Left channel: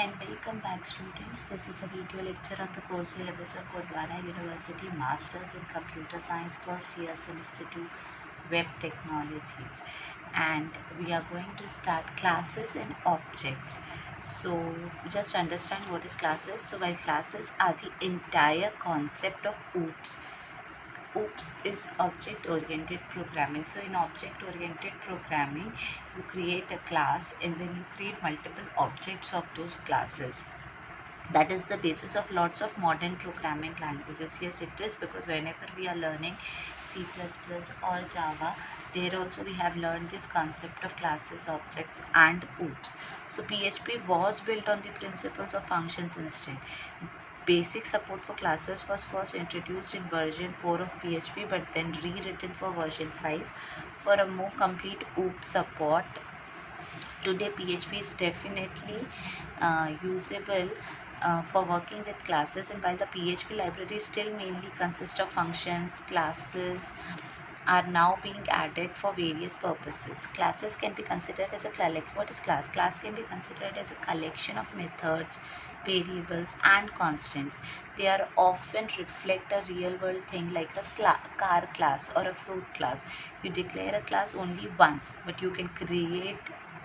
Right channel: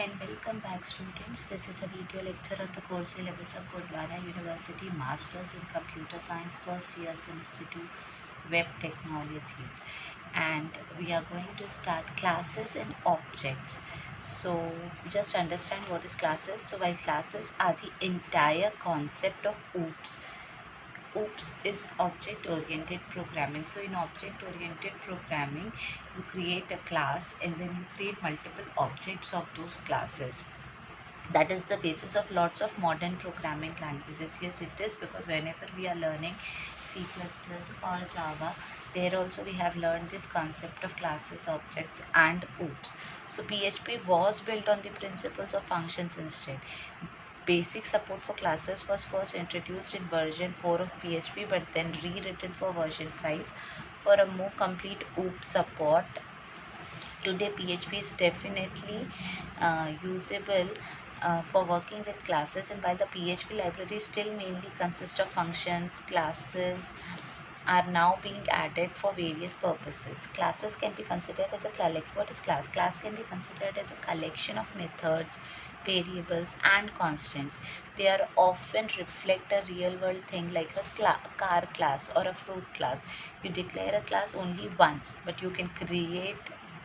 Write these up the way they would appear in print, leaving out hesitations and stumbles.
and welcome back students. This is a video lecture on the course syllabus of Gondwana University Masters in Computer Science first year semester 2 Web Technologies, and we are going to start classes and objects. So just understand what is classes. So while classes are the entire concept of OOPS is object oriented programming. So in object oriented programming, you create a class and then you create multiple objects of those classes. That is the basis of lots of modern programming languages. Yes, it is, because whenever we are learning C++ or Java, there also we have learned this concept of classes, objects and OOPS. So PHP was built on the principles of functions instead. Basic support for classes was first introduced in version 4 of PHP, but then rewritten for version 5 for a more complete OOP support. Today PHP is definitely usable for working with classes, and while the PHP library still mainly consists of functions, classes are now being added for various purposes. Classes can be considered as a what is class? Class can be considered as a collection of methods, variables and constants. They are often reflect a real world thing like a car class or a fruit class. You declare a class only once, but you can create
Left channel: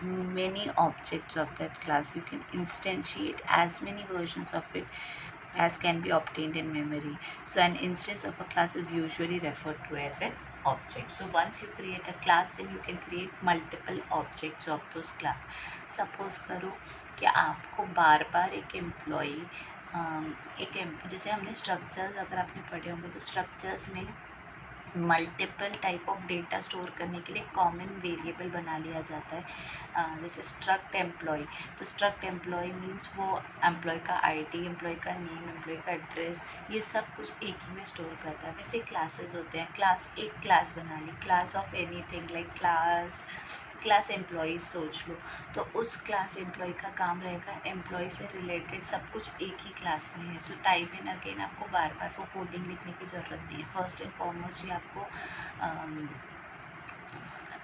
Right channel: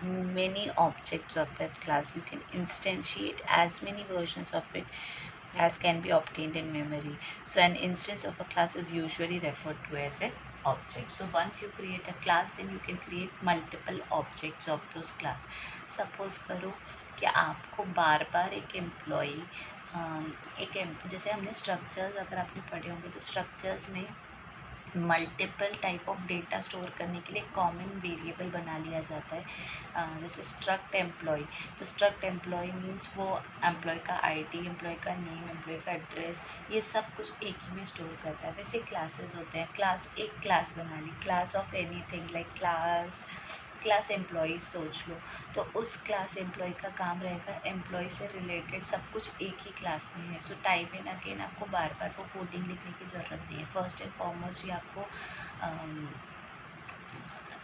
many objects of that class. You can instantiate as many versions of it as can be obtained in memory. So an instance of a class is usually referred to as an object. So once you create a class, then you can create multiple objects of those class. Suppose करो कि आपको बार बार एक employee जैसे हमने structures, अगर आपने पढ़े होंगे तो स्ट्रक्चर्स में multiple type of data store करने के लिए कॉमन वेरिएबल बना लिया जाता है, जैसे स्ट्रक्ट एम्प्लॉय। तो स्ट्रक्ट एम्प्लॉय मीन्स वो एम्प्लॉय का आईडी, एम्प्लॉय का नेम, एम्प्लॉय का एड्रेस, ये सब कुछ एक ही में स्टोर करता है। वैसे क्लासेस होते हैं, क्लास एक क्लास बना ली, class of anything like class employees सोच लो, तो उस क्लास एम्प्लॉय का काम रहेगा एम्प्लॉय से रिलेटेड सब कुछ एक ही क्लास में है। सो टाइप इन अगेन आपको बार बार वो कोडिंग लिखने की ज़रूरत नहीं है। फर्स्ट एंड फॉरमोस्ट ये आपको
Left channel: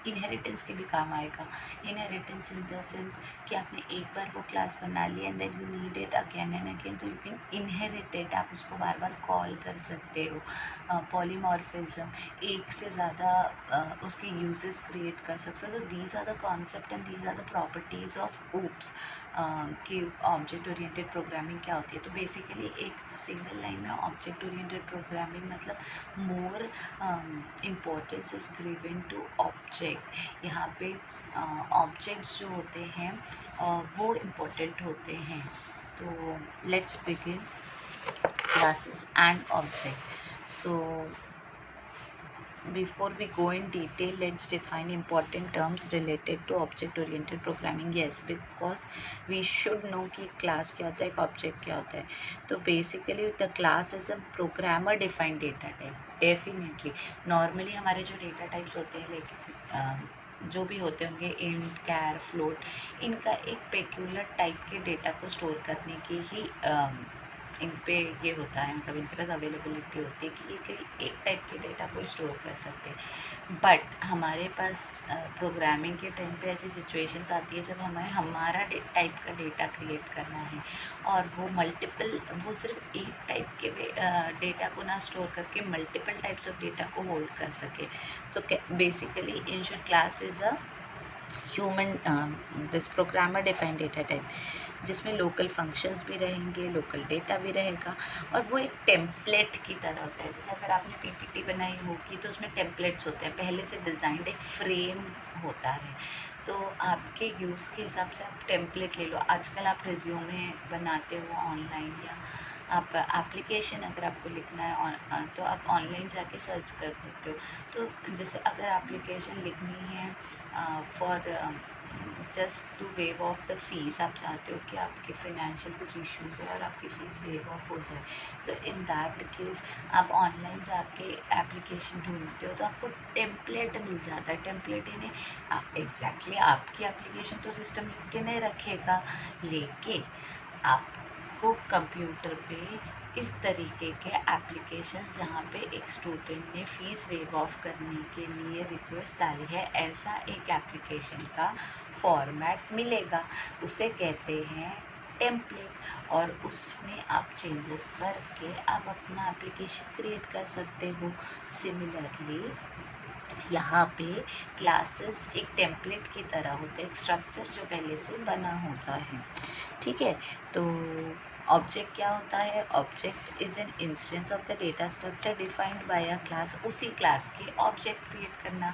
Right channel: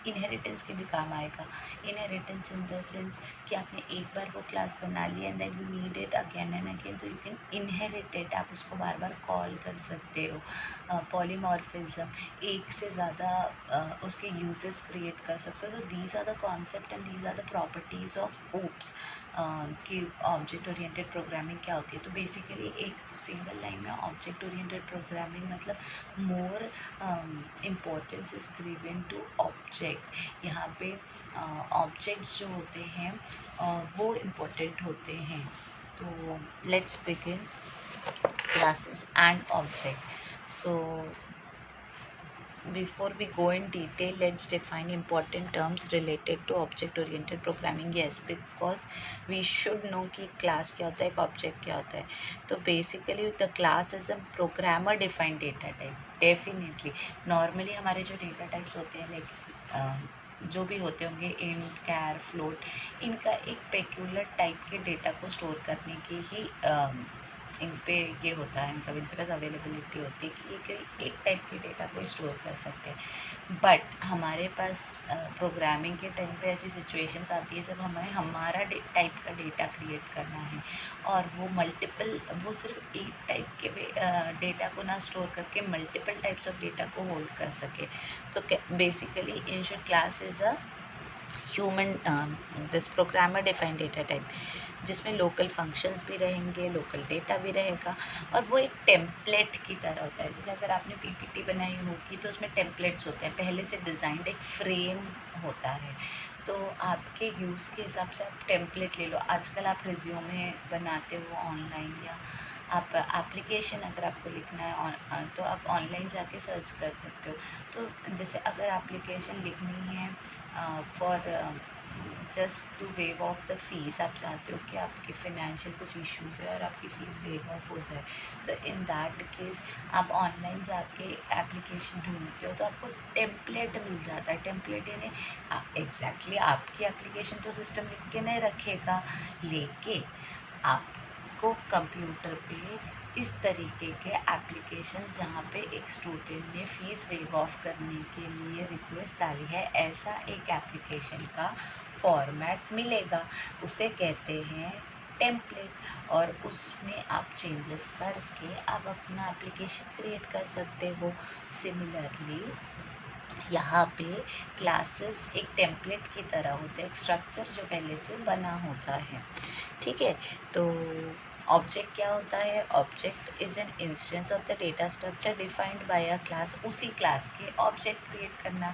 इनहेरिटेंस के भी काम आएगा। इनहेरिटेंस इन द सेंस कि आपने एक बार वो क्लास बना लिया and then you need it again and again, तो यू कैन इनहेरिट इट, आप उसको बार बार कॉल कर सकते हो। पॉलीमॉर्फिज्म, एक से ज़्यादा उसके यूजेस क्रिएट कर सकते हो। So these are the concept and these are the properties of OOPS कि ऑब्जेक्ट ओरिएंटेड प्रोग्रामिंग क्या होती है। तो बेसिकली एक सिंगल लाइन में ऑब्जेक्ट ओरिएंटेड प्रोग्रामिंग मतलब more importance is given to object. यहाँ पे ऑब्जेक्ट्स जो होते हैं वो इम्पोर्टेंट होते हैं। तो let's begin classes and object. So before we go in detail, let's define important terms related to object oriented programming. Yes, because we should know कि class क्या होता है, एक object क्या होता है। तो basically the class is a programmer defined data type. Definitely normally हमारे जो data types होते हैं like जो भी होते होंगे इंट, कैर, फ्लोट, इनका एक पेक्यूलर टाइप के डेटा को स्टोर करने की ही इन पे ये होता है, मतलब इनके पास अवेलेबिलिटी होती है कि ये एक टाइप के डेटा को स्टोर कर सकते हैं। बट हमारे पास प्रोग्रामिंग के टाइम पे ऐसी सिचुएशंस आती है जब हमें हमारा टाइप का डेटा क्रिएट करना है और वो सिर्फ एक टाइप के डेटा को ना स्टोर करके मल्टीपल टाइप्स ऑफ डेटा को होल्ड कर सके। So basically in short class is a this programmer defined data type, जिसमें लोकल फंक्शंस भी रहेंगे, लोकल डेटा भी रहेगा, और वो एक टेम्पलेट की तरह होता है। जैसे अगर आपने पीपीटी बनाई होगी तो उसमें टेम्पलेट्स होते हैं, पहले से डिज़ाइंड एक फ्रेम होता है। तो आपके यूज़ के हिसाब से आप टेम्पलेट ले लो। आजकल आप रिज्यूमे बनाते हो ऑनलाइन, या आप एप्लीकेशन अगर आपको लिखना है तो आप ऑनलाइन जाके सर्च कर सकते हो। तो जैसे अगर एप्लीकेशन लिखनी है for just to waive off the fees, आप चाहते हो कि आपके फाइनेंशियल कुछ इश्यूज़ है और आपकी फ़ीस वेव ऑफ हो जाए, तो इन दैट केस आप ऑनलाइन जाके एप्लीकेशन ढूंढते हो तो आपको टेम्पलेट मिल जाता है। टेम्पलेट यानी एग्जैक्टली आपकी एप्लीकेशन तो सिस्टम लिख के नहीं रखेगा, लेकिन आपको कंप्यूटर पे इस तरीके के एप्लीकेशंस जहाँ पे एक स्टूडेंट ने फ़ीस वेव ऑफ करने के लिए रिक्वेस्ट डाली है, ऐसा एक एप्लीकेशन का फॉर्मेट मिलेगा। उसे कहते हैं टेम्पलेट, और उसमें आप चेंजेस करके आप अपना एप्लीकेशन क्रिएट कर सकते हो। सिमिलरली यहाँ पे क्लासेस एक टेम्पलेट की तरह होते हैं, एक स्ट्रक्चर जो पहले से बना होता है, ठीक है। तो ऑब्जेक्ट क्या होता है? Object is an instance of the data structure defined by a class. उसी क्लास के ऑब्जेक्ट क्रिएट करना।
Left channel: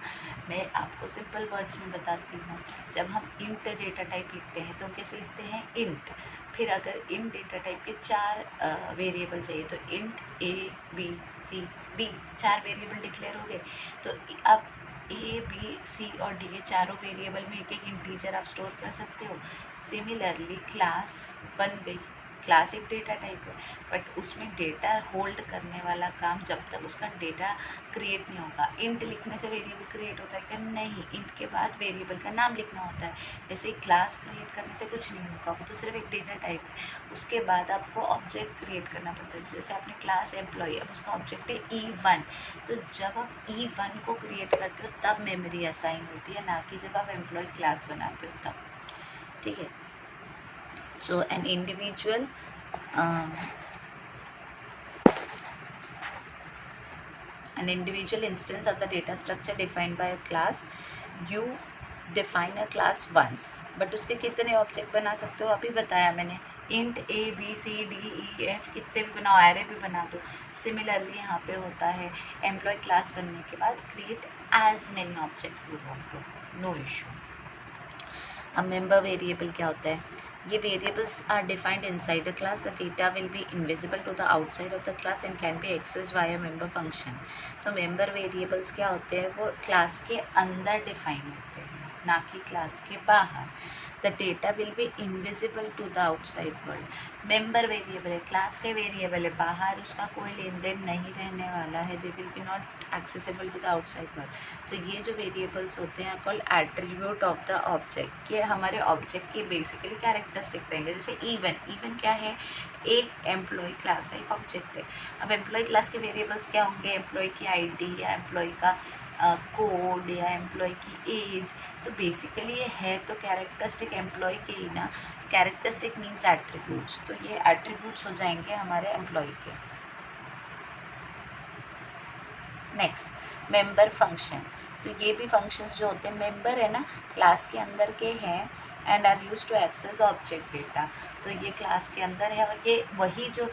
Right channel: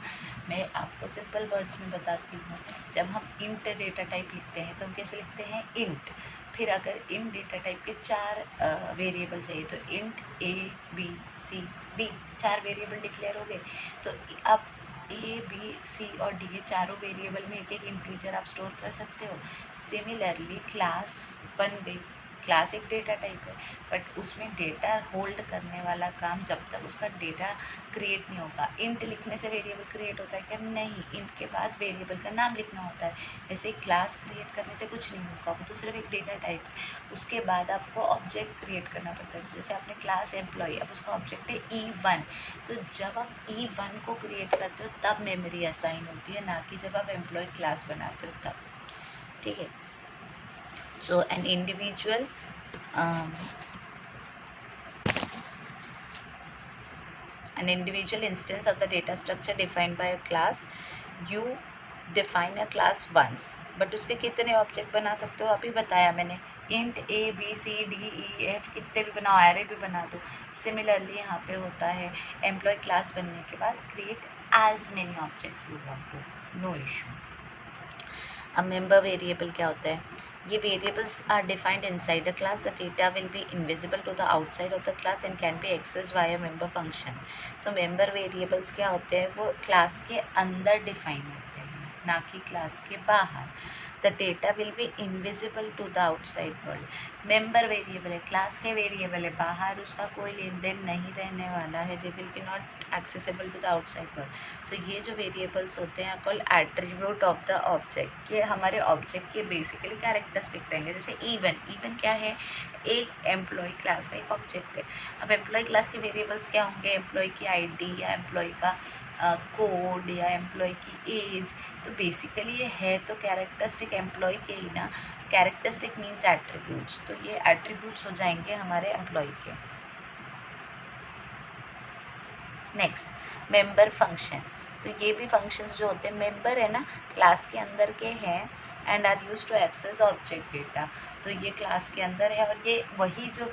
मैं आपको सिंपल वर्ड्स में बताती हूँ। जब हम इंट डेटा टाइप लिखते हैं तो हम कैसे लिखते हैं? इंट। फिर अगर इंट डेटा टाइप के 4 वेरिएबल चाहिए तो int A B C D 4 variable declare हो गए। तो आप A B C और D ये चारों वेरिएबल में एक एक इंटीजर आप स्टोर कर सकते हो। सिमिलरली क्लास बन गई। क्लास एक डेटा टाइप है, बट उसमें डेटा होल्ड करने वाला काम जब तक उसका डेटा क्रिएट नहीं होगा। इंट लिखने से वेरिएबल क्रिएट होता है क्या? नहीं, इंट के बाद वेरिएबल का नाम लिखना होता है। वैसे क्लास क्रिएट करने से कुछ नहीं होगा, वो तो सिर्फ एक डेटा टाइप है। उसके बाद आपको ऑब्जेक्ट क्रिएट करना पड़ता है। जैसे आपने क्लास एम्प्लॉय, अब उसका ऑब्जेक्ट है E1, तो जब आप E1 को क्रिएट करते हो तब मेमोरी असाइन होती है, ना कि जब आप एम्प्लॉय क्लास बनाते हो तब, ठीक है। So an individual instance of the data structure defined by a class. You define a class once, but उसके कितने ऑब्जेक्ट बना सकते हो? अभी बताया मैंने, int A B C D E F कितने भी बनाओ, एरे भी बना दो। सिमिलरली यहाँ पे होता है एम्प्लॉय क्लास बनने के बाद create as many objects you want to, no issue. अब मेंबर वेरिएबल क्या होता है? ये variables are defined inside the class. The data will be invisible to the outside of the class and can be access via member function. तो member variables क्या होते हैं? वो क्लास के अंदर डिफाइन होते हैं, ना कि क्लास के बाहर। The data will be invisible to the outside world. Member variable है, क्लास के वेरिएबल है, बाहर उसका कोई लेन देन नहीं रहने वाला है। They will be not accessible to the outside world. तो ये जो वेरिएबल्स होते हैं called attribute of the object. ये हमारे ऑब्जेक्ट के बेसिकली कैरेक्टरिस्टिक रहेंगे। जैसे इवन क्या है? एक एम्प्लॉय क्लास का एक ऑब्जेक्ट है। अब एम्प्लॉय क्लास के वेरिएबल्स क्या होंगे? एम्प्लॉय की आईडी या एम्प्लॉय का कोड या एम्प्लॉय की एज। तो बेसिकली ये है तो कैरेक्टरिस्टिक एम्प्लॉय के ही ना। कैरेक्टरिस्टिक मीन्स एट्रीब्यूट्स, तो ये एट्रीब्यूट्स हो जाएंगे हमारे एम्प्लॉय के। Next, member function. तो ये भी फंक्शंस जो होते हैं, मेंबर है ना, क्लास के अंदर के हैं and are use to access object data. तो ये क्लास के अंदर है और ये वही जो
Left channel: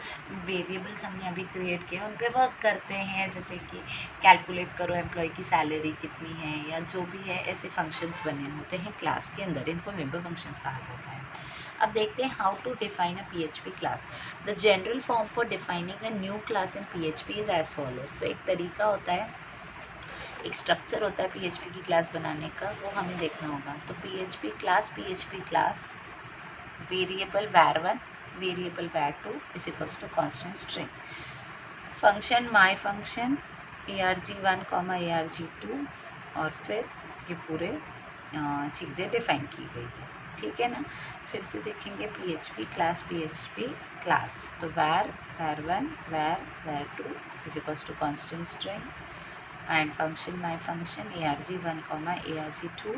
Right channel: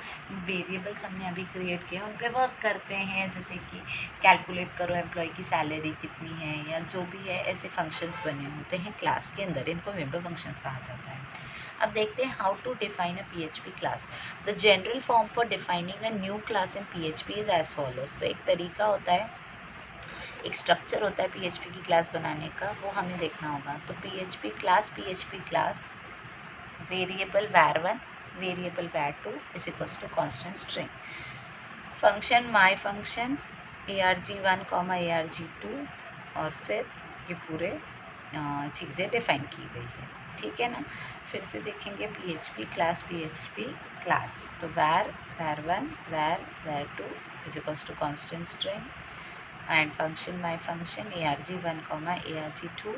वेरिएबल्स हमने अभी क्रिएट किए उन पे वर्क करते हैं। जैसे कि कैलकुलेट करो एम्प्लॉय की सैलरी कितनी है या जो भी है, ऐसे फंक्शंस बने होते हैं क्लास के अंदर, इनको मेंबर फंक्शंस कहा जाता है। अब देखते हैं how to define a PHP class. The general form for defining a new class in PHP is as follows. तो एक तरीका होता है, एक स्ट्रक्चर होता है PHP की क्लास बनाने का, वो हमें देखना होगा। तो PHP class variable var1 variable var2 is equals to constant string. Function my function arg1 arg2, और फिर ये पूरे चीज़ें डिफाइन की गई है, ठीक है ना। फिर से देखेंगे PHP क्लास। तो var1 var2 is equals to constant string and function my function arg1 arg2।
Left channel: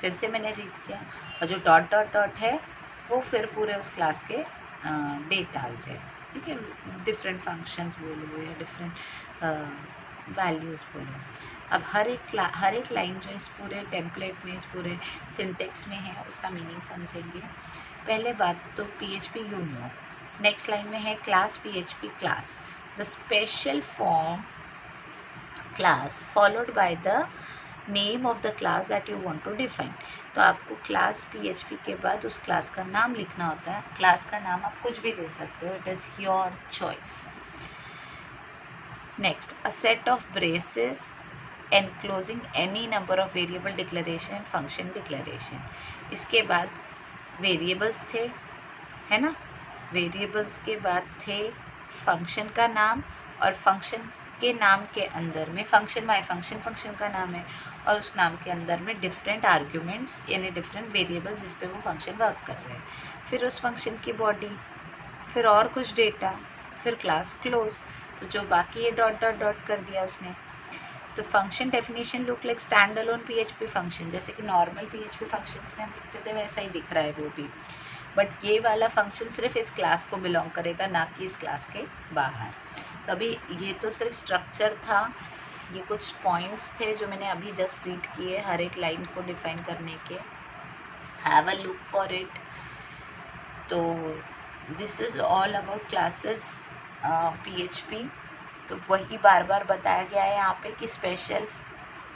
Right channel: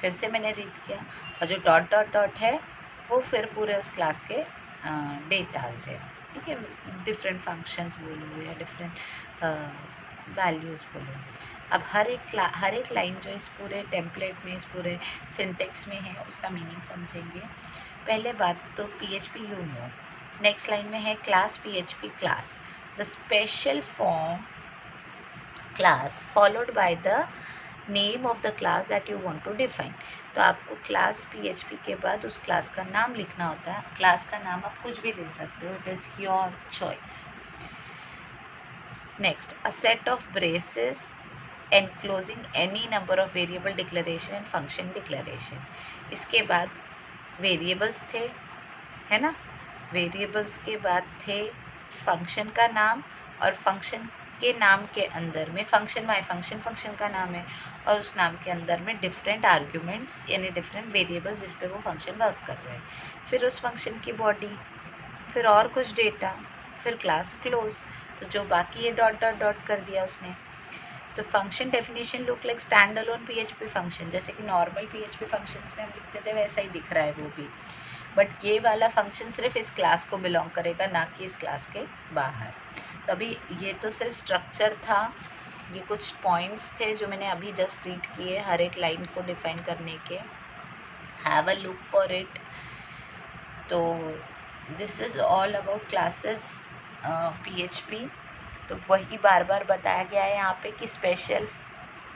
फिर से मैंने रीड किया, और जो डॉट डॉट डॉट है वो फिर पूरे उस क्लास के डेटाज है, ठीक है। डिफरेंट फंक्शंस बोलो या डिफरेंट वैल्यूज़ बोलो। अब हर एक लाइन जो इस पूरे टेम्पलेट में, इस पूरे सिंटेक्स में है, उसका मीनिंग समझेंगे। पहले बात तो PHP you know. Next line में है class PHP class, the special form class followed by the name of the class that you want to define. तो आपको क्लास PHP के बाद उस क्लास का नाम लिखना होता है। क्लास का नाम आप कुछ भी दे सकते हो, it is your choice. Next, a set of braces enclosing any number of variable declaration and function declaration. इसके बाद वेरिएबल्स थे, है ना। वेरिएबल्स के बाद थे फंक्शन का नाम, और फंक्शन के नाम के अंदर में फंक्शन माई फंक्शन का नाम है, और उस नाम के अंदर में डिफरेंट आर्ग्यूमेंट्स यानी डिफरेंट वेरिएबल्स जिस पे वो फंक्शन वर्क कर रहे हैं। फिर उस फंक्शन की बॉडी, फिर और कुछ डेटा, फिर क्लास क्लोज। तो जो बाकी ये डॉट डॉट डॉट कर दिया उसने। तो function definition look like stand alone PHP function, जैसे कि नॉर्मल PHP फंक्शंस में हम लिखते थे वैसा ही दिख रहा है वो भी। बट ये वाला फंक्शन सिर्फ इस क्लास को बिलोंग करेगा, ना कि इस क्लास के बाहर। तो अभी ये तो सिर्फ स्ट्रक्चर था, ये कुछ पॉइंट्स थे जो मैंने अभी जस्ट रीड किए हर एक लाइन को डिफाइन करने के। Have a look for it. तो this is all about classes PHP। तो वही बार बार बताया गया है यहाँ पे कि स्पेशल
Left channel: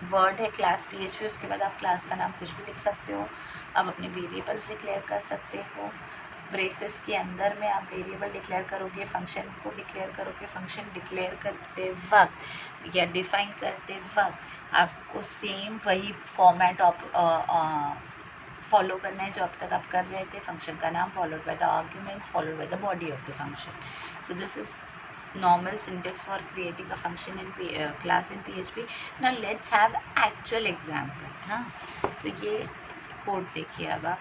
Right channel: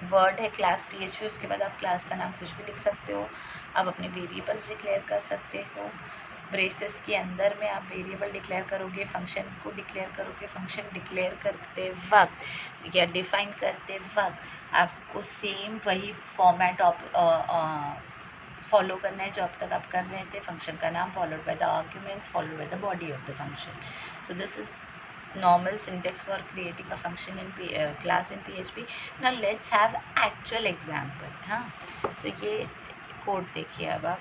वर्ड है क्लास PHP, उसके बाद आप क्लास का नाम कुछ भी लिख सकते हो, आप अपने वेरिएबल्स डिक्लेयर कर सकते हो। ब्रेसेस के अंदर में आप वेरिएबल डिक्लेयर करोगे, फंक्शन को डिक्लेयर करोगे। फंक्शन डिक्लेयर करते वक्त या डिफाइन करते वक्त आपको सेम वही फॉर्मेट फॉलो करना है जो अब तक आप कर रहे थे। फंक्शन का नाम followed by the arguments followed by the body of the function. So this is normal syntax for creating a function in class in PHP. Now let's have actual example। हाँ, तो ये कोड देखिए अब आप।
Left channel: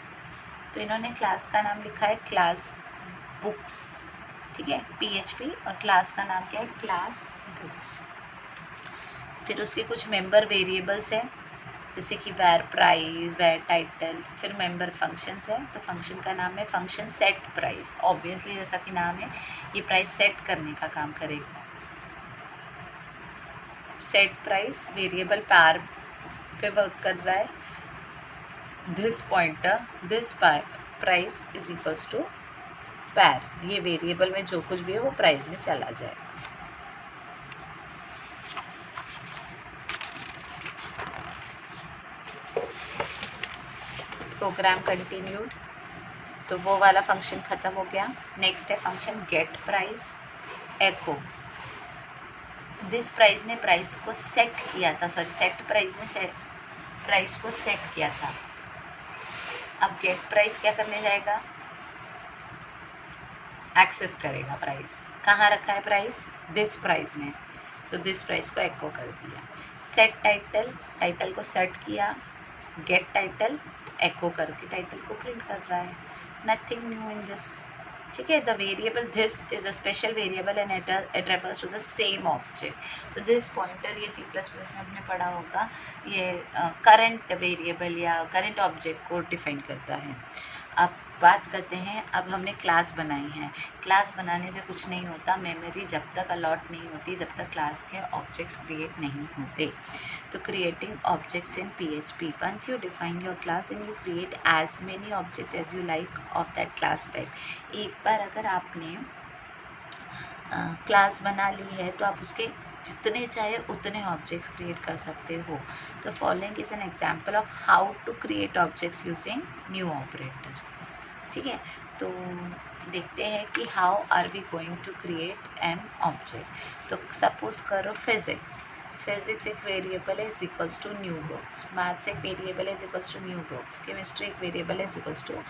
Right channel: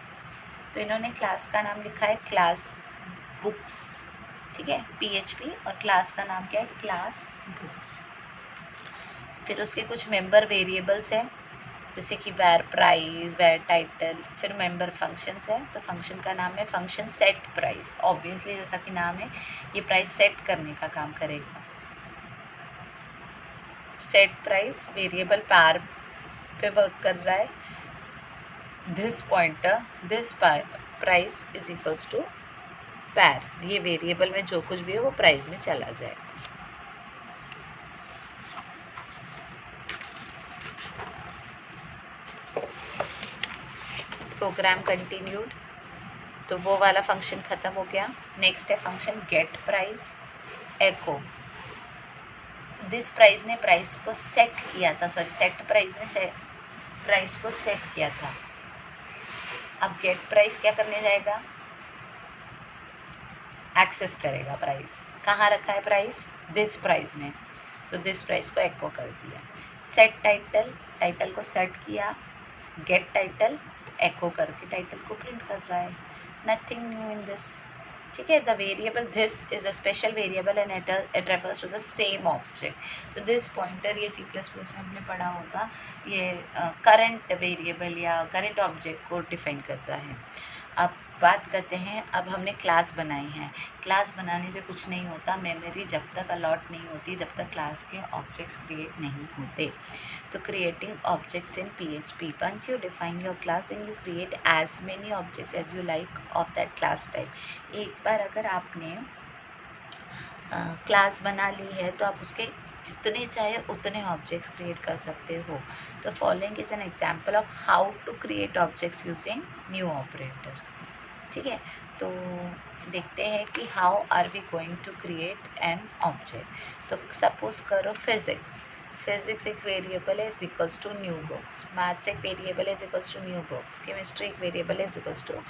तो इन्होंने क्लास का नाम लिखा है क्लास बुक्स, ठीक है, PHP, और क्लास का नाम क्या है, क्लास बुक्स। फिर उसके कुछ मेंबर वेरिएबल्स हैं जैसे कि वेर प्राइस, वेर टाइटल। फिर मेंबर फंक्शंस है, तो फंक्शन का नाम है फंक्शन सेट प्राइस। ऑब्वियसली जैसा कि नाम है, ये प्राइस सेट करने का काम करेगा। सेट प्राइस वेरिएबल पार पे वर्क कर रहा है। This pointer, this price is equals to par. ये वेरिएबल में जो कुछ भी है वो प्राइस में चला जाए। प्रोग्राम कंटिन्यूड, तो वो वाला फंक्शन ख़त्म हो गया। नेक्स्ट है function get price echo. This price ने प्राइस को सेट किया था, सॉरी सेट प्राइस ने प्राइस को सेट किया था। अब गेट प्राइस क्या करने जाएगा, एक्सेस करेगा प्राइस। कहाँ रखा है प्राइस, दिस प्राइस ने, तो दिस प्राइस को एको कर दिया। सेट टाइटल, टाइटल को सेट किया। गेट टाइटल, एको करके टाइटल को प्रिंट कर रहा है। नथिंग न्यू इन दिस, ठीक है। The variable this is a special variable and it refers to the same object. तो दिस पॉइंटर ये C++ में आपने पढ़ा होगा, ये करंट वेरिएबल या करंट ऑब्जेक्ट को डिफाइन करता है। अब बात करते हैं, अब हमने क्लास बनाई है। क्लास बनाने से कुछ नहीं होता, मेमोरी जब तक अलॉट नहीं होती जब तक क्लास के ऑब्जेक्ट्स क्रिएट नहीं होते। तो creating objects in PHP, once you define your class and you create as many objects as you like of that class type. एक बार अगर आपने क्लास बना ली है तो आप उसके जितने चाहे उतने ऑब्जेक्ट्स क्रिएट कर सकते हो। तो following is an example of how to create objects using new operator, ठीक है। तो देखते हैं कि how are we going to create an object. तो सपोज करो फिजिक्स, फिजिक्स एक वेरिएबल है is equals to new books. Maths एक वेरिएबल है is equals to new books. Chemistry एक वेरिएबल है is equals to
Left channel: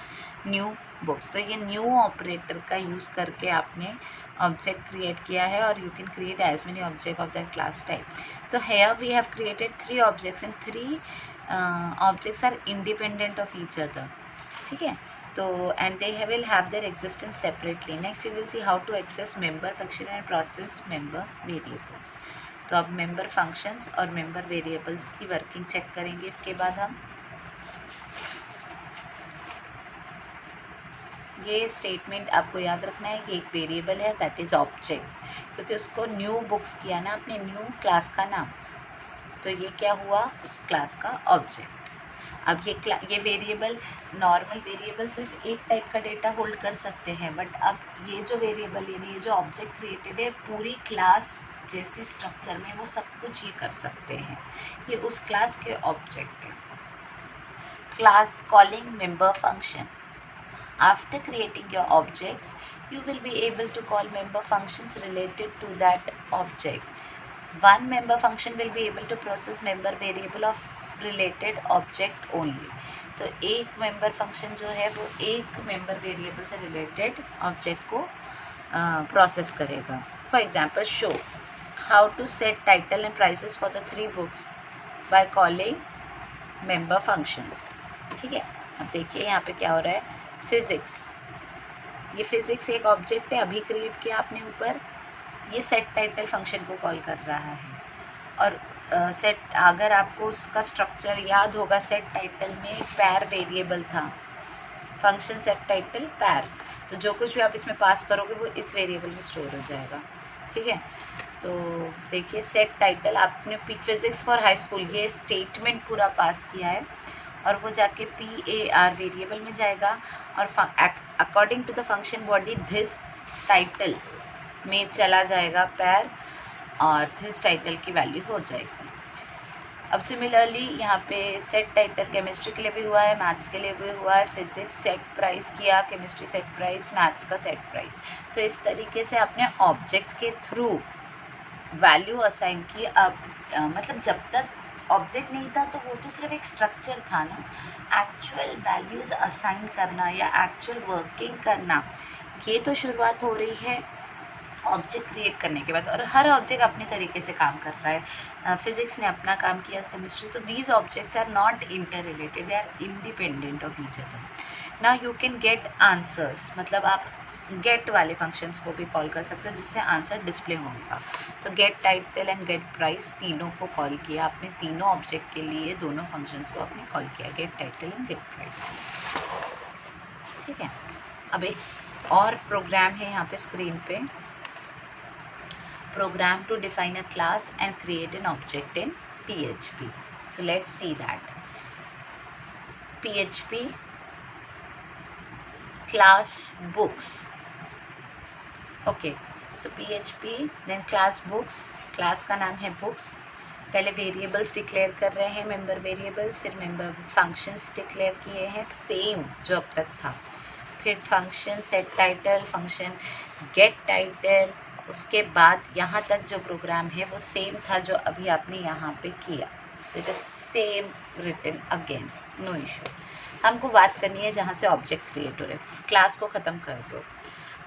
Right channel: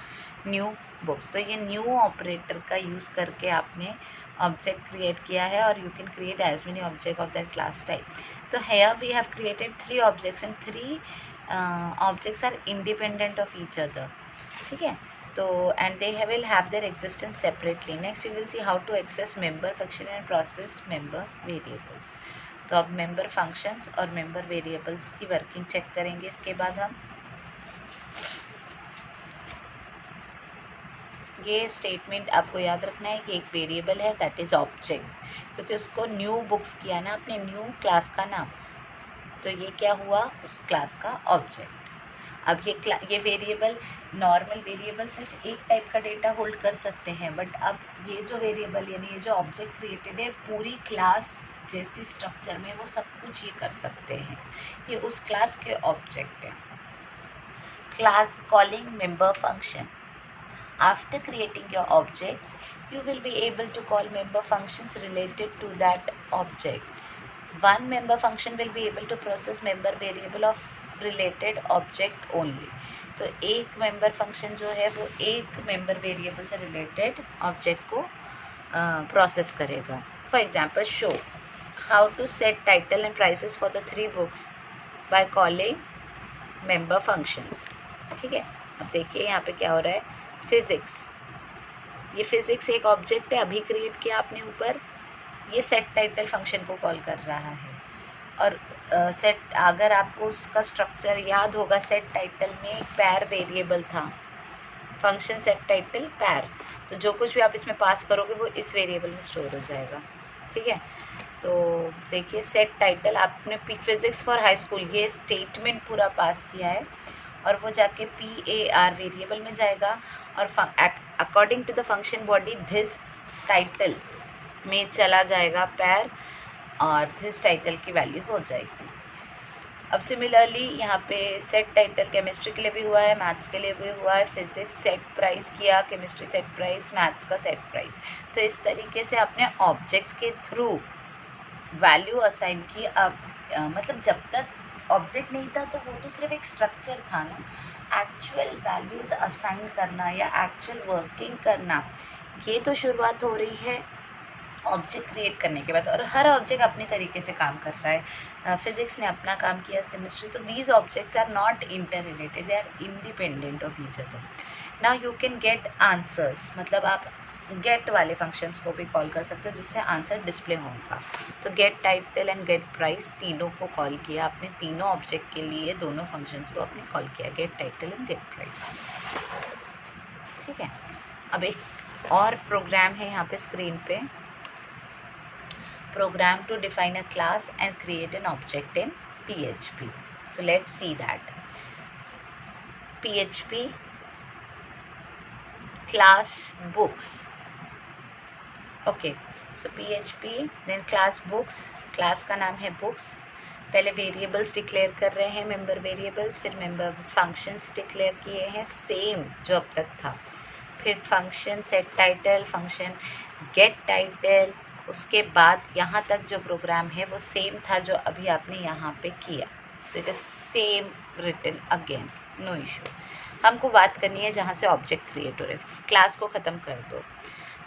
new books. तो ये न्यू ऑपरेटर का यूज़ करके आपने ऑब्जेक्ट क्रिएट किया है, और you can create as many object of that class type. तो here we have created 3 objects and 3 objects are independent of each other, ठीक है। तो and they will have their existence separately. Next we will see how to access member function and process member variables. तो अब member functions और member variables की working check करेंगे। इसके बाद हम ये स्टेटमेंट आपको याद रखना है कि एक वेरिएबल है दैट इज़ ऑब्जेक्ट, क्योंकि उसको न्यू बुक्स किया ना अपने न्यू क्लास का नाम, तो ये क्या हुआ, उस क्लास का ऑब्जेक्ट। अब ये वेरिएबल, नॉर्मल वेरिएबल सिर्फ एक टाइप का डेटा होल्ड कर सकते हैं, बट अब ये जो वेरिएबल यानी ये जो ऑब्जेक्ट क्रिएटेड है पूरी क्लास जैसे स्ट्रक्चर में वो सब कुछ ये कर सकते हैं। ये उस क्लास के ऑब्जेक्ट है। Class calling member function, after creating your objects you will be able to call member functions related to that object. One member function will be able to process member variable of related object only. तो एक member function जो है वो एक member variable से related object को process करेगा। For example show how to set title and prices for the 3 books by calling member functions, ठीक है। अब देखिए यहाँ पे क्या हो रहा है, फिजिक्स, ये फिजिक्स एक ऑब्जेक्ट है, अभी क्रिएट किया आपने ऊपर, ये सेट टाइटल फंक्शन को कॉल कर रहा है। और सेट, अगर आपको उसका स्ट्रक्चर याद होगा, सेट टाइटल में पैर वेरिएबल था, फंक्शन सेट टाइटल पैर, तो जो कुछ भी आप इसमें पास करोगे वो इस वेरिएबल में स्टोर हो जाएगा, ठीक है। तो देखिए सेट टाइटल आपने फिजिक्स फॉर हाई स्कूल ये स्टेटमेंट पूरा पास किया है और वो जाके PAR वेरिएबल में जाएगा और according to the function body this title में चला जाएगा पैर और दिस टाइटल की वैल्यू हो जाएगी। अब सिमिलरली यहाँ पे सेट टाइटल केमिस्ट्री के लिए भी हुआ है, मैथ्स के लिए भी हुआ है, फिजिक्स सेट प्राइस किया, केमिस्ट्री सेट प्राइस, मैथ्स का सेट प्राइस। तो इस तरीके से आपने ऑब्जेक्ट्स के थ्रू वैल्यू असाइन की। अब मतलब जब तक ऑब्जेक्ट नहीं था तो वो तो सिर्फ एक स्ट्रक्चर था ना, एक्चुअल वैल्यूज़ असाइन करना या एक्चुअल वर्किंग करना ये तो शुरुआत हो रही है ऑब्जेक्ट क्रिएट करने के बाद, और हर ऑब्जेक्ट अपने तरीके से काम कर रहा है। फिजिक्स ने अपना काम किया, केमिस्ट्री, तो these objects are not interrelated, they are independent of each other. Now you can get answers, मतलब आप गेट वाले फंक्शंस को भी कॉल कर सकते हो जिससे आंसर डिस्प्ले होगा। तो get title and get price तीनों को कॉल किया आपने, तीनों ऑब्जेक्ट के लिए दोनों फंक्शंस को आपने कॉल किया, get title and get price, ठीक है। अब एक और प्रोग्राम है यहाँ पे स्क्रीन पे, program to define a class and create an object in PHP. So let's see that. PHP class books. Okay, so PHP then class books. class का नाम है books. पहले वेरिएबल्स डिक्लेयर कर रहे हैं, मेंबर वेरिएबल्स, फिर member functions declare किए हैं सेम जो अब तक था, फिर function set title, function get title, उसके बाद यहाँ तक जो प्रोग्राम है वो सेम था जो अभी आपने यहाँ पे किया। So it is same written again, no issue. हमको बात करनी है जहाँ से ऑब्जेक्ट क्रिएट हो रहे हैं। क्लास को ख़त्म कर दो।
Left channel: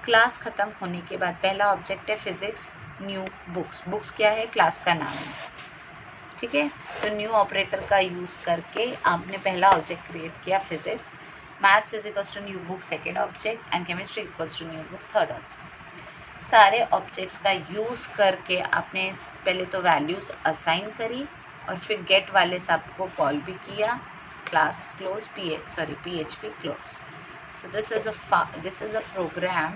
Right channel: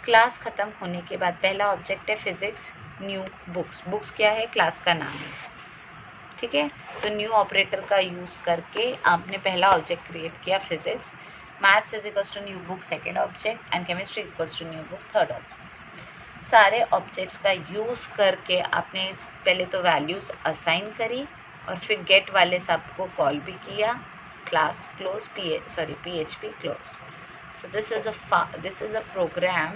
क्लास ख़त्म होने के बाद पहला ऑब्जेक्ट है फिजिक्स न्यू बुक्स। बुक्स क्या है? क्लास का नाम है, ठीक है। तो न्यू ऑपरेटर का यूज़ करके आपने पहला ऑब्जेक्ट क्रिएट किया physics. Maths is equals to new book second object and chemistry equals to new books third object. सारे ऑब्जेक्ट्स का यूज़ करके आपने पहले तो वैल्यूज़ असाइन करी और फिर गेट वाले सब को कॉल भी किया, class close PHP close. So this is a program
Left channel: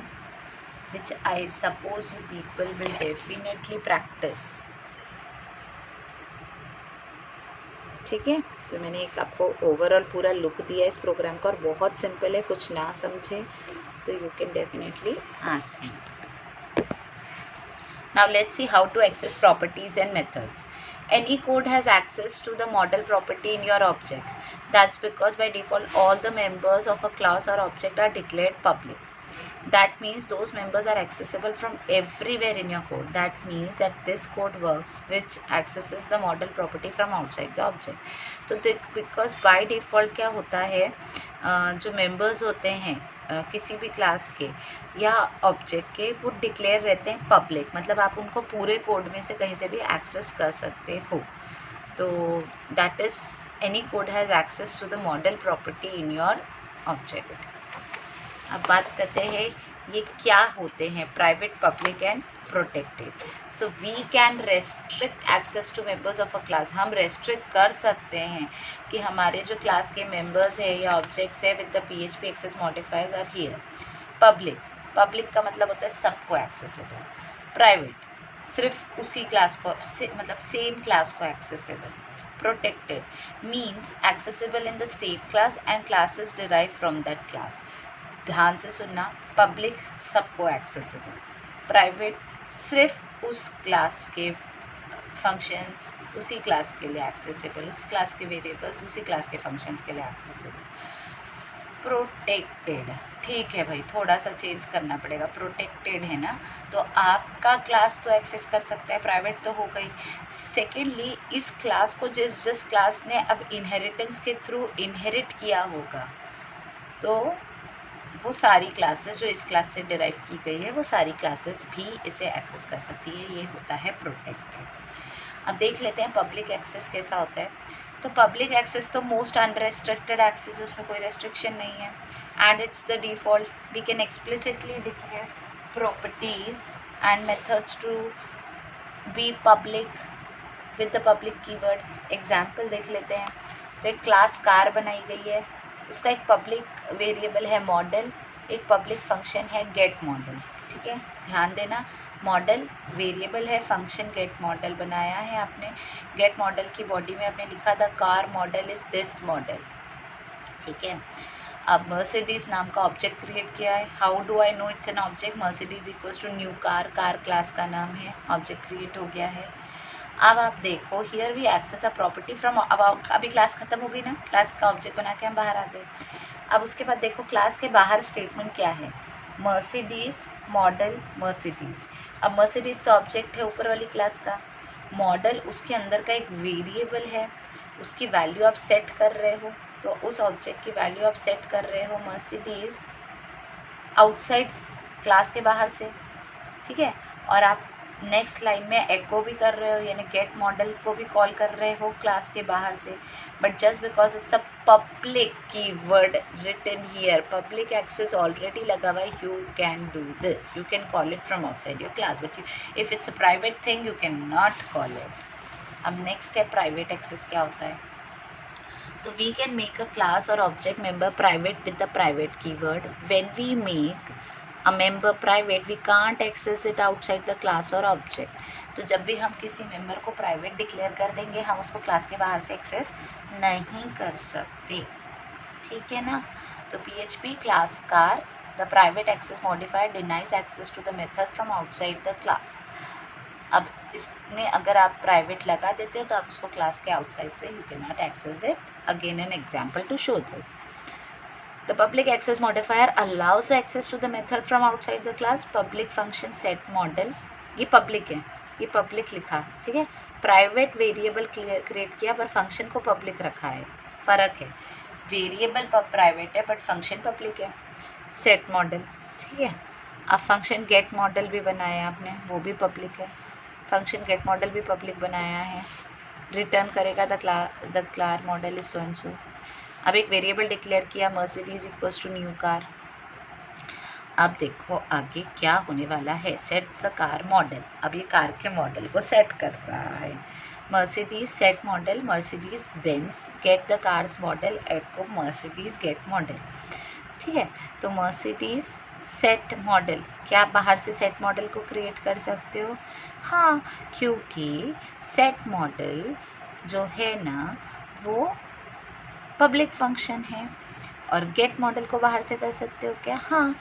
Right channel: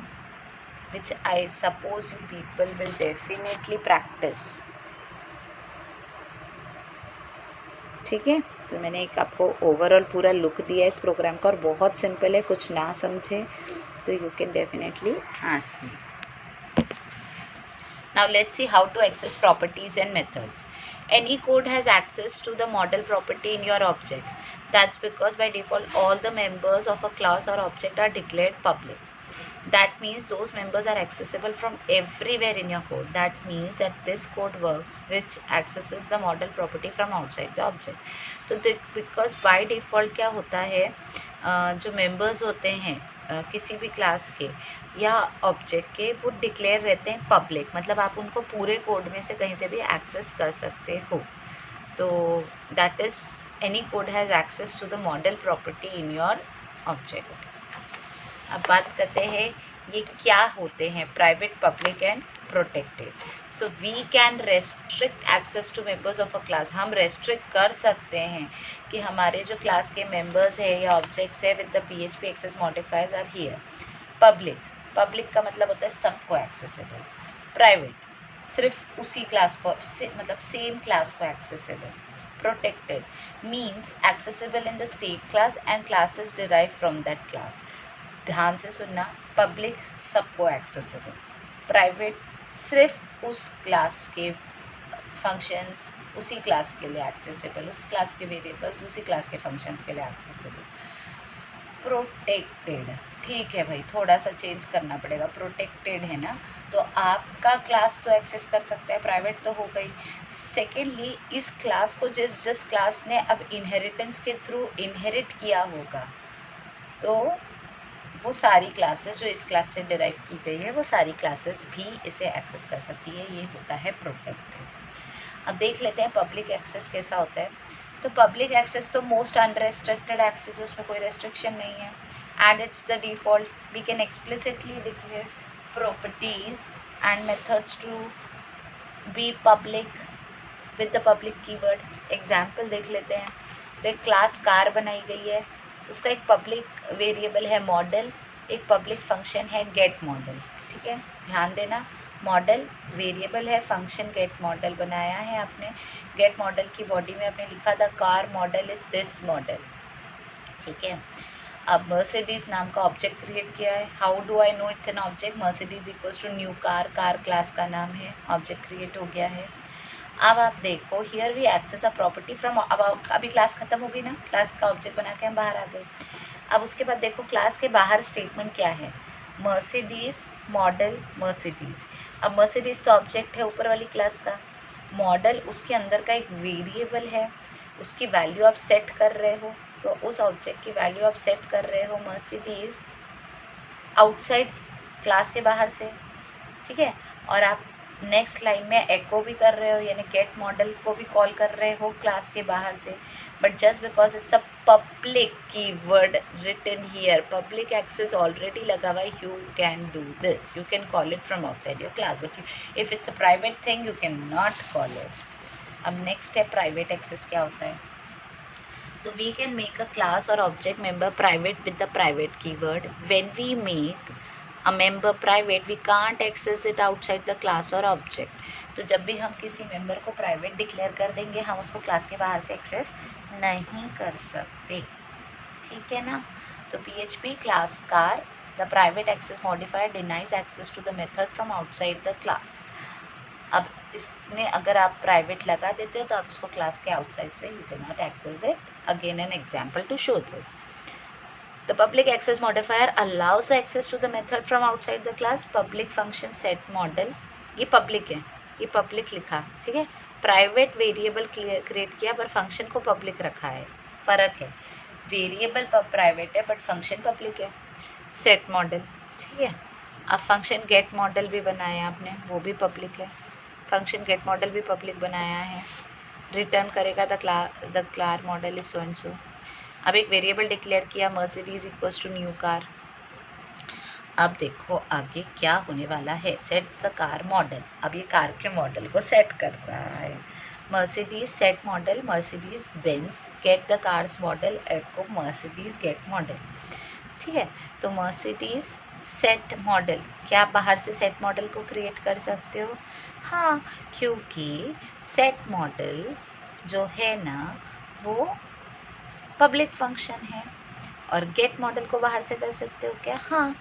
which I suppose you people will definitely practice, ठीक है। तो मैंने एक आपको ओवरऑल पूरा लुक दिया इस प्रोग्राम का और बहुत सिंपल है, कुछ ना समझे तो you can definitely ask me. Now let's see how to access properties and methods. Any code has access to the model property in your object. That's because by default all the members of a class or object are declared public. That means those members are accessible from everywhere in your code. That means that this code works which accesses the model property from outside the object. तो because by default क्या होता है, जो members होते हैं किसी भी class के या ऑब्जेक्ट के, वो डिक्लेयर रहते हैं पब्लिक, मतलब आप उनको पूरे कोड में से कहीं से भी एक्सेस कर सकते हो। तो that is any code has access to the model property in your object. अब बात करते हैं ये क्या होते हैं, private, public and protected. So we can restrict access to members of a class. हम रेस्ट्रिक्ट कर सकते हैं कि हमारे जो क्लास के मेंबर्स है या ऑब्जेक्ट्स है with the PHP access modifiers are here. Public का मतलब होता है सबको एक्सेसिबल। प्राइवेट सिर्फ उसी क्लास को मतलब सेम क्लास को accessible. Protected means accessible in the same class and classes derive from that class. ध्यान से सुनना, पब्लिक सबको एक्सेसिबल, प्राइवेट सिर्फ उस क्लास के फंक्शंस उसी क्लास के लिए एक्सेसिबल, उस क्लास के वेरिएबल्स उसी क्लास के फंक्शंस के लिए एक्सेसिबल। प्रोटेक्टेड, ठीक है भाई, थोड़ा सा चेंज करना पड़ेगा, प्रोटेक्टेड है ना, तो आपका क्लास तो एक्सेस कर सकता है, प्राइवेट तो हो गई। सेकेंडली इस क्लास को जिस क्लास ने अब इनहेरिटेंस के थ्रू इनहेरिट किया होगा, तो वो सारी क्लासेस जो इस क्लास से डिराइव की गई है वो सारी क्लासेस भी इसे एक्सेस कर सकती है, ये होता है प्रोटेक्टेड। अब देख लेते हैं पब्लिक एक्सेस कैसा होता है। तो पब्लिक एक्सेस तो मोस्ट अनरेस्ट्रिक्टेड एक्सेस है, उसमें कोई रेस्ट्रिक्शन नहीं है and it's the default. We can explicitly declare properties and methods to be public with the public keyword. Example देख लेते हैं। तो एक क्लास कार बनाई गई है, उसका एक पब्लिक वेरिएबल है मॉडल, एक पब्लिक फंक्शन है गेट मॉडल। ठीक है, ध्यान देना, मॉडल वेरिएबल है, फंक्शन गेट मॉडल बनाया है आपने। गेट मॉडल की बॉडी में आपने लिखा the car model is this model. ठीक है, अब मर्सिडीज नाम का ऑब्जेक्ट क्रिएट किया है। How do I know it's an object? Mercedes equals to new car, car class का नाम है, ऑब्जेक्ट क्रिएट हो गया है। अब आप देखो, here we access a property from, अब अभी क्लास खत्म हो गई ना, क्लास का ऑब्जेक्ट बना के हम बाहर आ गए। अब उसके बाद देखो क्लास के बाहर स्टेटमेंट क्या है, मर्सिडीज मॉडल मर्सिडीज। अब मर्सिडीज तो ऑब्जेक्ट है ऊपर वाली क्लास का, मॉडल उसके अंदर का एक वेरिएबल है, उसकी वैल्यू आप सेट कर रहे हो, तो उस ऑब्जेक्ट की वैल्यू आप सेट कर रहे हो मर्सिडीज आउटसाइड क्लास के बाहर से। ठीक है, और आप नेक्स्ट लाइन में एको भी कर रहे हो, यानी गेट मॉडल को भी कॉल कर रहे हो क्लास के बाहर से, but just because it's a public keyword written here, public access already लगा हुआ है, you can do this, you can call it from outside your class, but if it's a private thing you can not call it. अब next है private access क्या होता है। तो we can make a class or object member private with the private keyword. When we make a member private, we can't access it outside the class or object. तो जब भी हम किसी मेंबर को प्राइवेट डिक्लेयर कर देंगे, हम उसको क्लास के बाहर से एक्सेस नहीं कर सकते। ठीक है ना, तो PHP class car the private access modifier denies access to the method from outside the class. अब इसमें अगर आप प्राइवेट लगा देते हो तो आप उसको क्लास के आउटसाइड से you can not access it. Again an example to show this, the public access modifier allows access to the method from outside the class. Public function set model, ये public है, ये public लिखा, ठीक है, private variable create किया पर function को public रखा है, फ़र्क है, वेरिएबल प्राइवेट है बट फंक्शन पब्लिक है, सेट मॉडल। ठीक है, अब फंक्शन गेट मॉडल भी बनाया आपने, वो भी पब्लिक है, फंक्शन गेट मॉडल भी पब्लिक बनाया है, रिटर्न करेगा the class model is so and so. अब एक वेरिएबल डिक्लेयर किया Mercedes equals to new car. अब देखो आगे क्या होने वाला है, सेट्स द कार मॉडल, अब ये कार के मॉडल को सेट कर रहा है, Mercedes set model Mercedes Benz get the cars model echo Mercedes get model. ठीक है, तो मर्सिडीज सेट मॉडल, क्या आप बाहर से सेट मॉडल को क्रिएट कर सकते हो? हाँ, क्योंकि सेट मॉडल जो है ना वो पब्लिक फंक्शन है, और गेट मॉडल को बाहर से कर सकते हो क्या? हाँ,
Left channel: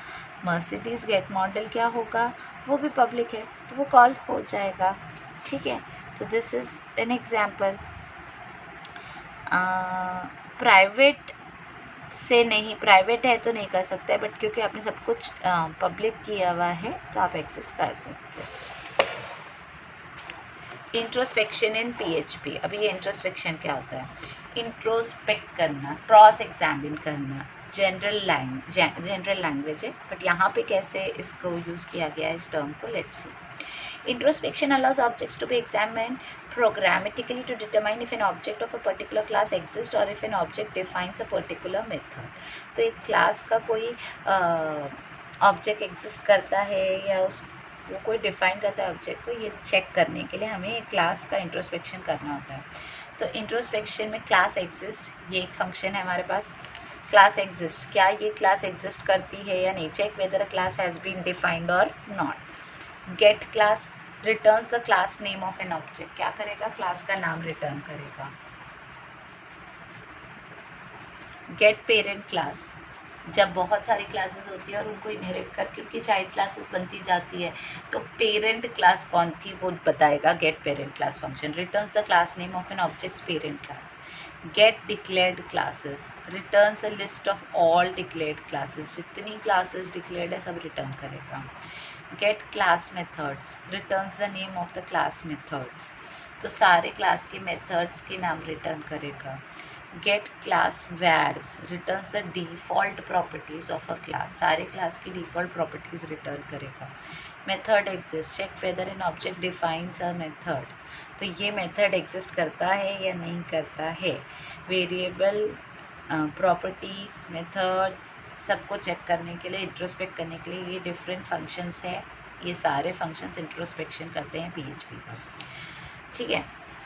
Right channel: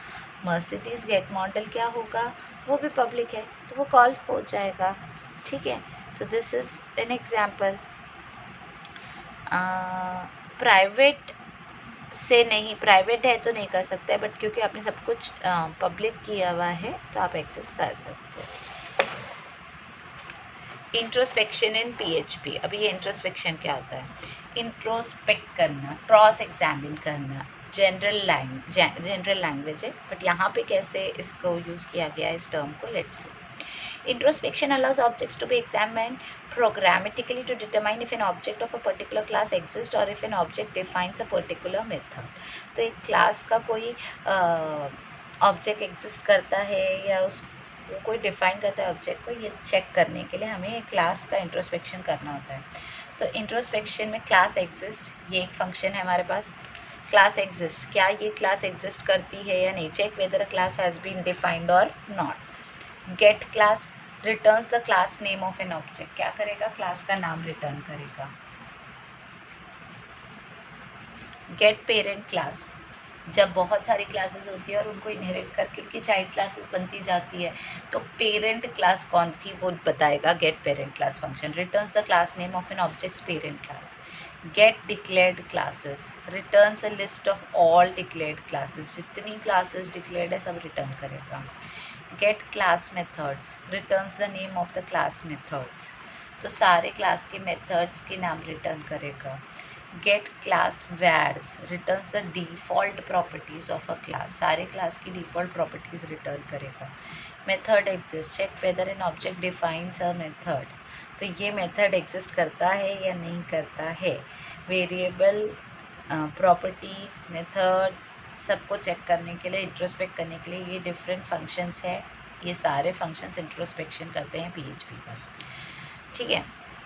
मर्सिडीज गेट मॉडल क्या होगा, वो भी पब्लिक है तो वो कॉल हो जाएगा। ठीक है, तो this is an example. Private से नहीं, प्राइवेट है तो नहीं कर सकता है, बट क्योंकि आपने सब कुछ पब्लिक किया हुआ है तो आप एक्सेस कर सकते हो। इंट्रोस्पेक्शन इन PHP, अभी ये इंट्रोस्पेक्शन क्या होता है? इंट्रोस्पेक्ट करना, क्रॉस एग्जामिन करना, जनरल लैंग्वेज है, बट यहाँ पे कैसे इसको यूज़ किया गया है इस टर्म को, let's see. Introspection allows objects to be examined programmatically to determine if an object of a particular class exists or if an object defines a particular method. तो एक क्लास का कोई ऑब्जेक्ट एग्जिस्ट करता है या उस वो कोई डिफाइन करता है ऑब्जेक्ट को, ये चेक करने के लिए हमें एक क्लास का इंट्रोस्पेक्शन करना होता है। तो इंट्रोस्पेक्शन में क्लास एग्जिस्ट, ये एक फंक्शन है हमारे पास, क्लास एग्जिस्ट, क्या ये क्लास एग्जिस्ट करती है या नहीं, check whether a class has been defined और not. Get class returns the class name of an object, क्या करेगा, क्लास का नाम रिटर्न करेगा। गेट पेरेंट क्लास, जब बहुत सारी क्लासेस होती है और उनको इनहेरिट करके उनकी चाइल्ड क्लासेस बनती जाती है तो पेरेंट क्लास कौन थी वो बताएगा get parent class function. Returns the class name of an objects parent class. Get declared classes, returns a list of all declared classes, जितनी क्लासेस डिक्लेयर्ड है सब रिटर्न करेगा। Get class methods, returns the name of the class methods, तो सारे class के methods के नाम return करेगा। Get class vars, returns the default properties of a class, सारे क्लास की डिफ़ॉल्ट प्रॉपर्टीज़ रिटर्न करेगा। Method exist, check whether an object defines a method, तो ये मेथड एग्जिस्ट करता है या नहीं करता है। वेरिएबल प्रॉपर्टीज़ मेथड्स सबको चेक करने के लिए, इंट्रोस्पेक्ट करने के लिए ये डिफरेंट फंक्शंस है, ये सारे फंक्शंस इंट्रोस्पेक्शन करते हैं PHP का। ठीक है,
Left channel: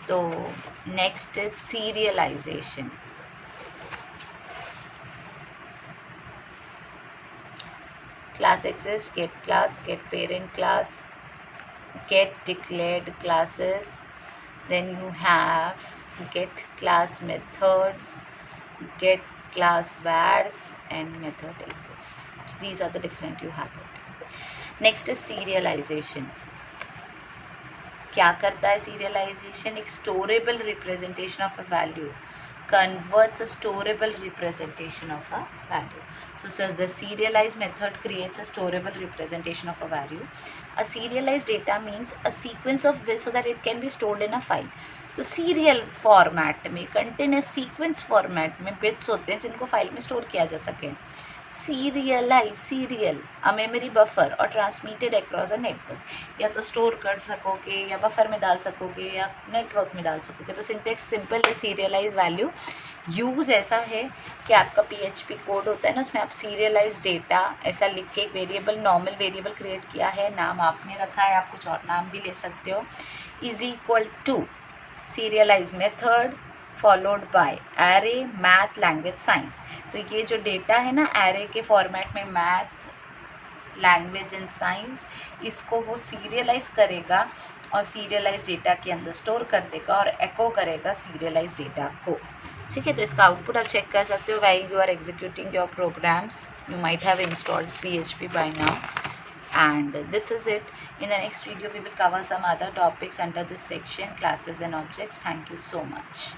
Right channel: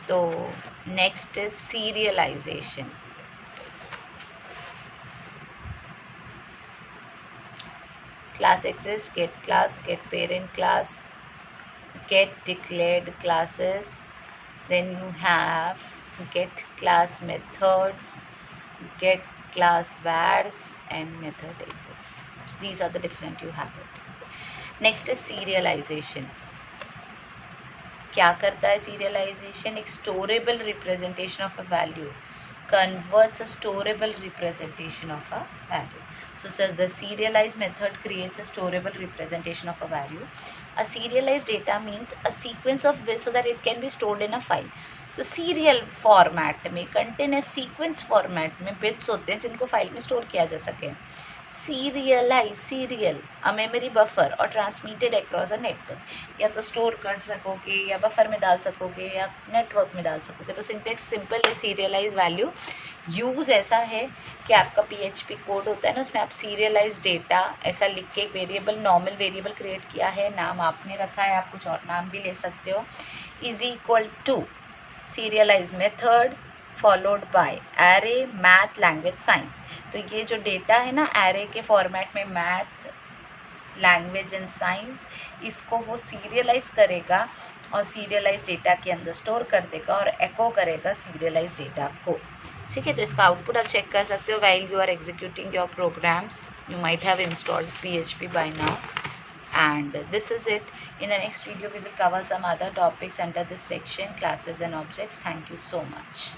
तो next is serialisation. class exists, get class, get parent class, get declared classes, then you have get class methods, get class vars, and method exists. These are the different you have it. Next is serialization. क्या करता है serialization? एक storable representation of a value converts a storable representation of a value. So the serialized method creates a storable representation of a value. A serialized data means a sequence of bits so that it can be stored in a file. तो serial format में, continuous sequence format में bits होते हैं जिनको file में store किया जा सके. सीरियल अ मेमोरी बफर और ट्रांसमिटेड अक्रॉस अ नेटवर्क. या तो स्टोर कर सकोगे या बफर में डाल सकोगे या नेटवर्क में डाल सकोगे. तो सिंटेक्स सिंपल है. सीरियलाइज वैल्यू यूज़ ऐसा है कि आपका PHP कोड होता है ना, उसमें आप सीरियलाइज डेटा ऐसा लिख के एक वेरिएबल, नॉर्मल वेरिएबल क्रिएट किया है, नाम आपने रखा है, आप कुछ और नाम भी ले सकते हो, is equal to serialize method followed by array math language science. तो ये जो डेटा है ना एरे के फॉर्मेट में, मैथ लैंग्वेज एंड साइंस, इसको वो सीरियलाइज करेगा और सीरियलाइज डेटा के अंदर स्टोर कर देगा और एको करेगा सीरियलाइज डेटा को. ठीक है, तो इसका आउटपुट आप चेक कर सकते हो. While you are executing your programs you might have installed PHP by now. And this is it. In the next video we will cover some other topics under this section, classes and objects. Thank you so much.